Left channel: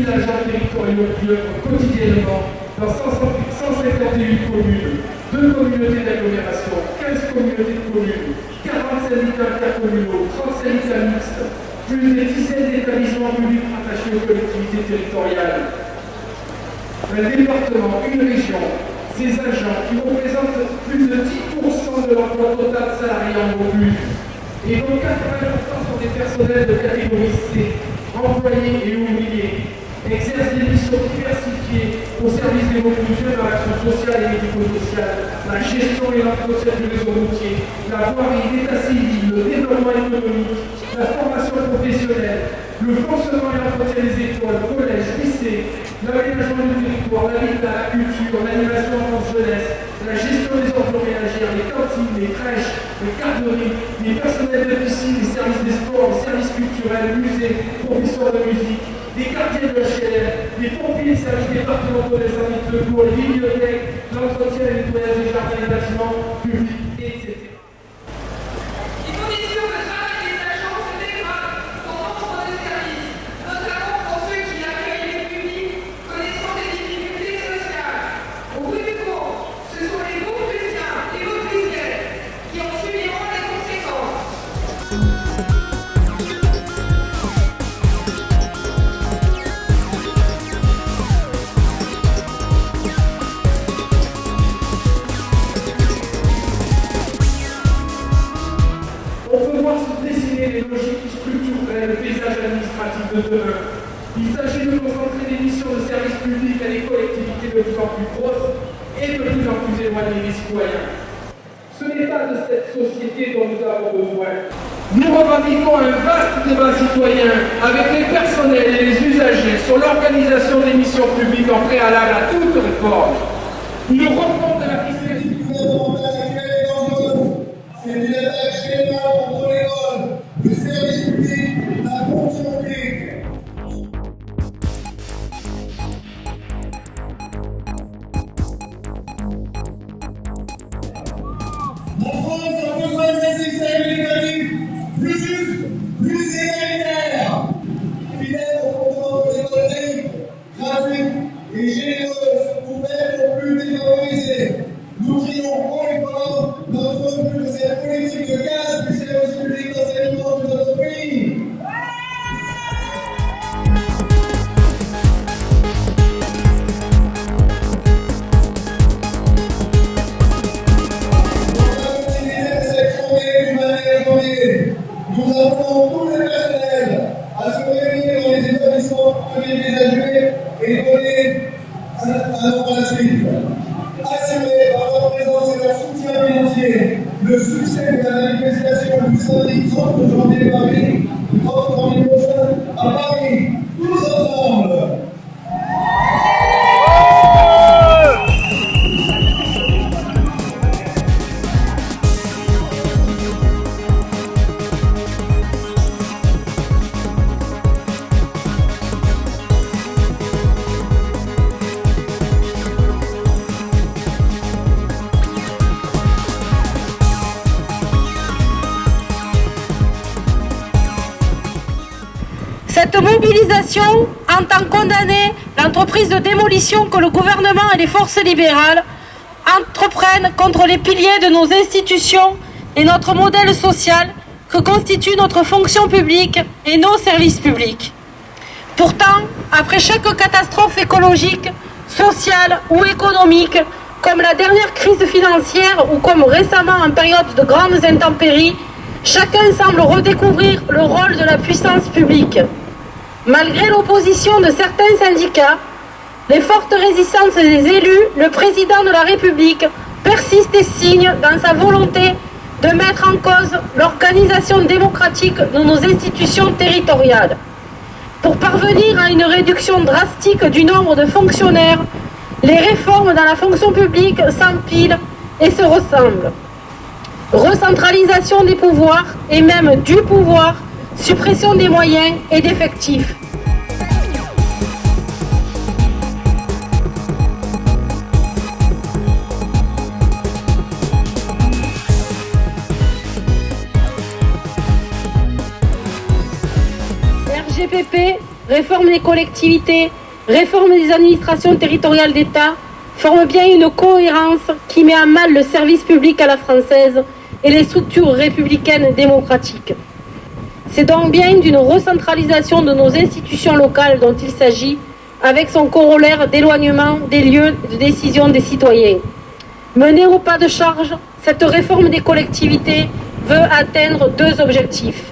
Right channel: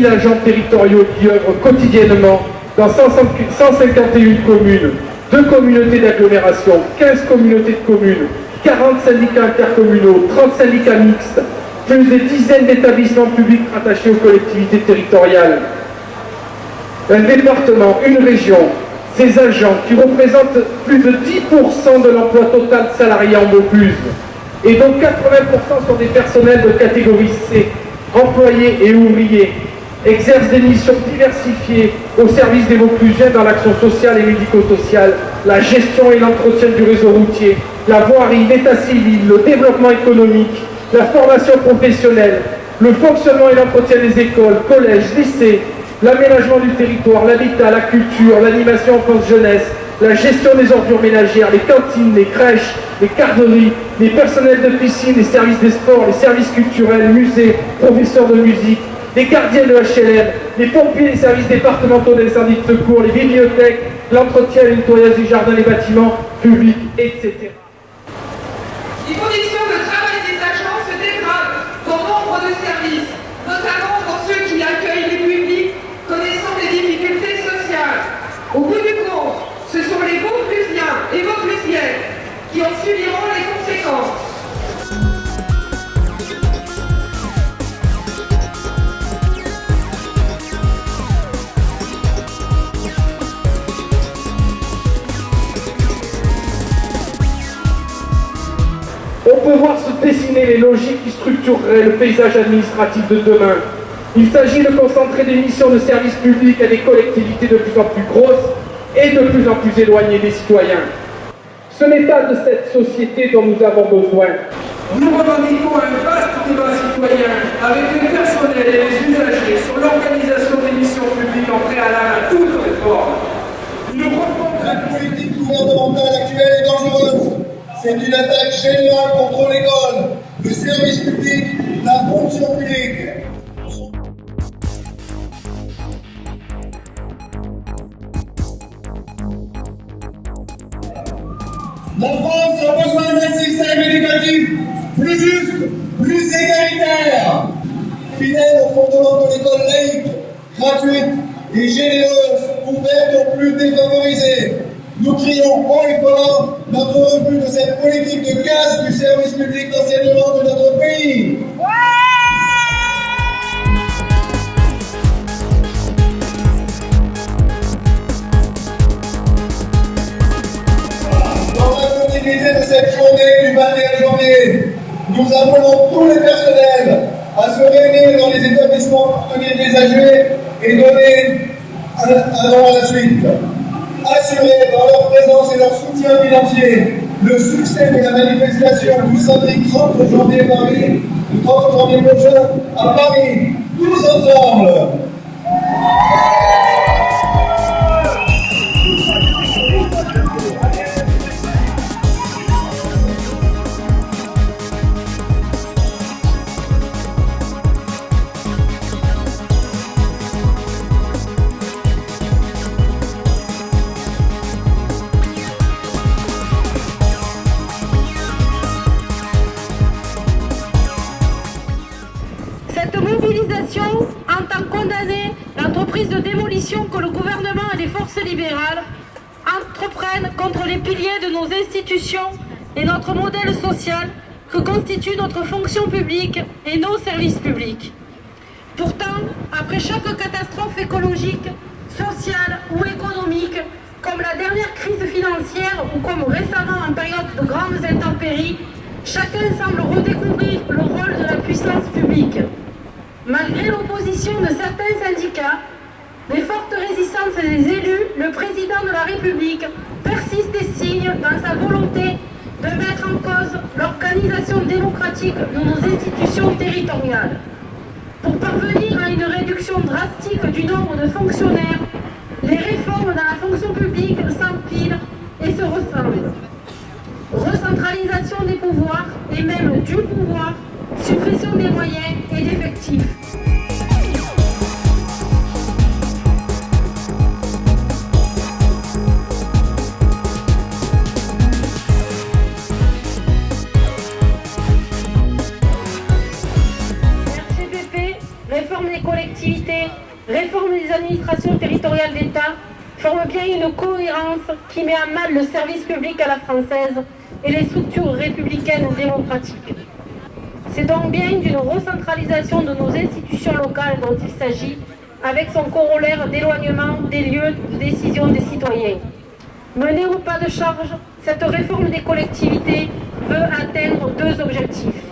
000 agents territoriaux qui œuvrent quotidiennement dans 151 communes, 2 communautés d'agglomération, 15 communautés de communes, 40 syndicats intercommunaux, 30 syndicats mixtes, plus des dizaines d'établissements publics rattachés aux collectivités territoriales. Un département, une région, ces agents qui représentent plus de 10% de l'emploi total salarié en Vaucluse, et dont 80% sont des personnels de catégorie C, employés et ouvriers, exercent des missions diversifiées au service des Vauclusiens dans l'action sociale et médico-sociale, la gestion et l'entretien du réseau routier, la voirie, l'état civil, le développement économique, la formation professionnelle, le fonctionnement et l'entretien des écoles, collèges, lycées, l'aménagement du territoire, l'habitat, la culture, l'animation enfance-jeunesse, la gestion des ordures ménagères, les cantines, les crèches, les garderies, les personnels de piscine, les services des sports, les services culturels, musées, professeurs de musique, les gardiens de HLM, les pompiers, les services départementaux d'incendie de secours, les bibliothèques, l'entretien et le nettoyage des jardins, des bâtiments publics, etc. Les conditions de travail des agents se dégradent pour nombre de services, notamment pour ceux qui accueillent les publics connaissant des difficultés sociales. Au bout du compte, ce sont les Vauclusiens et Vauclusiennes qui en subiront les conséquences. On peut voir se dessiner les logiques qui structureraient le paysage administratif de demain. Il s'agit de concentrer des missions de service public à des collectivités de plus en plus grosses et de plus en plus éloignées des citoyens. Ce n'est pas de cette société dont nous avons besoin. Nous revendiquons un vaste débat citoyen avec les personnels et les usagers sur l'organisation des missions publiques en préalable à toute réforme. Nous revenons de la politique gouvernementale actuelle est dangereuse. C'est une attaque générale contre l'école, le service public, la fonction publique. La France a besoin d'un système éducatif plus juste, plus égalitaire, fidèle au fondement de l'école laïque, gratuite et généreuse, ouverte aux plus défavorisés. Nous crions haut et fort notre refus de cette politique de casse du service public d'enseignement de notre pays. Dans la continuité de cette journée du 21 janvier, nous appelons tous les personnels à se réunir dans les établissements partenaires des AG et donner à la suite. Assurer par leur présence et leur soutien financier le succès de la manifestation du samedi 30 janvier Paris, le 30 janvier prochain à Paris, tous ensemble. Cette mobilisation entend condamner l'entreprise de démolition que le gouvernement et les forces libérales entreprennent contre les piliers de nos institutions et notre modèle social que constitue notre fonction publique et nos services publics. Pourtant, après chaque catastrophe écologique, sociale ou économique, comme la dernière crise financière ou comme récemment en période de grandes intempéries, chacun semble redécouvrir le rôle de la puissance publique. Malgré l'opposition de certains syndicats, les fortes résistances des élus, le président de la République persiste et signe dans sa volonté de mettre en cause l'organisation démocratique de nos institutions territoriales. Pour parvenir à une réduction drastique du nombre de fonctionnaires, les réformes dans la fonction publique s'empilent et se ressemblent. Recentralisation des pouvoirs et même du pouvoir, suppression des moyens et d'effectifs. RGPP, réforme des collectivités. collectivités, réforme des administrations territoriales d'État forment bien une cohérence qui met à mal le service public à la française et les structures républicaines démocratiques. C'est donc bien d'une recentralisation de nos institutions locales dont il s'agit, avec son corollaire d'éloignement des lieux de décision des citoyens. Menée au pas de charge, cette réforme des collectivités veut atteindre deux objectifs.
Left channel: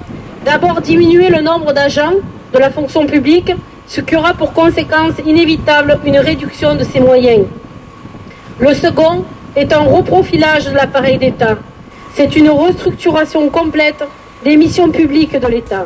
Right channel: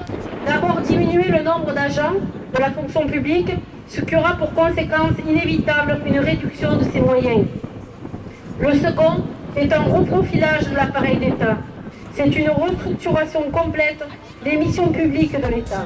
D'abord, diminuer le nombre d'agents de la fonction publique, ce qui aura pour conséquence inévitable une réduction de ses moyens. Le second est un reprofilage de l'appareil d'État. C'est une restructuration complète des missions publiques de l'État.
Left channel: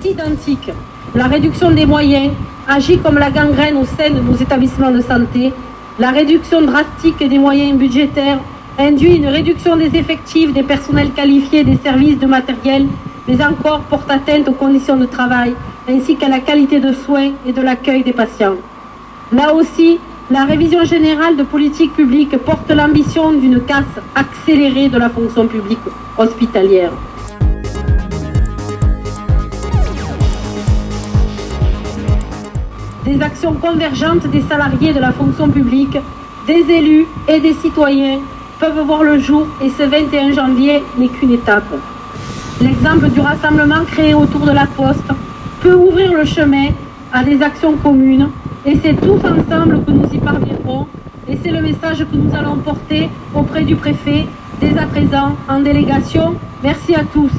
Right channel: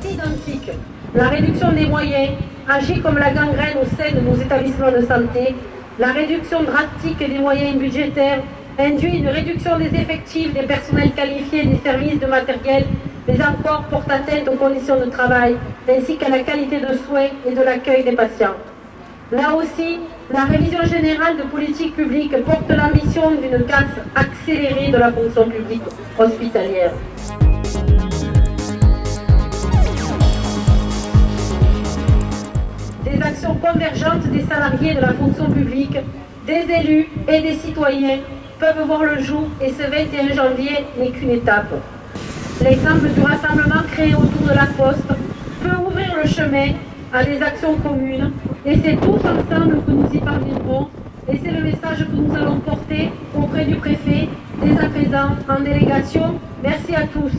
C'est identique. La réduction des moyens agit comme la gangrène au sein de nos établissements de santé. La réduction drastique des moyens budgétaires induit une réduction des effectifs, des personnels qualifiés, des services, de matériel, mais encore porte atteinte aux conditions de travail, ainsi qu'à la qualité de soins et de l'accueil des patients. Là aussi, la révision générale de politique publique porte l'ambition d'une casse accélérée de la fonction publique hospitalière. Des actions convergentes des salariés de la fonction publique, des élus et des citoyens peuvent voir le jour et ce 21 janvier n'est qu'une étape. L'exemple du rassemblement créé autour de la Poste peut ouvrir le chemin à des actions communes et c'est tous ensemble que nous y parviendrons et c'est le message que nous allons porter auprès du préfet dès à présent en délégation. Merci à tous.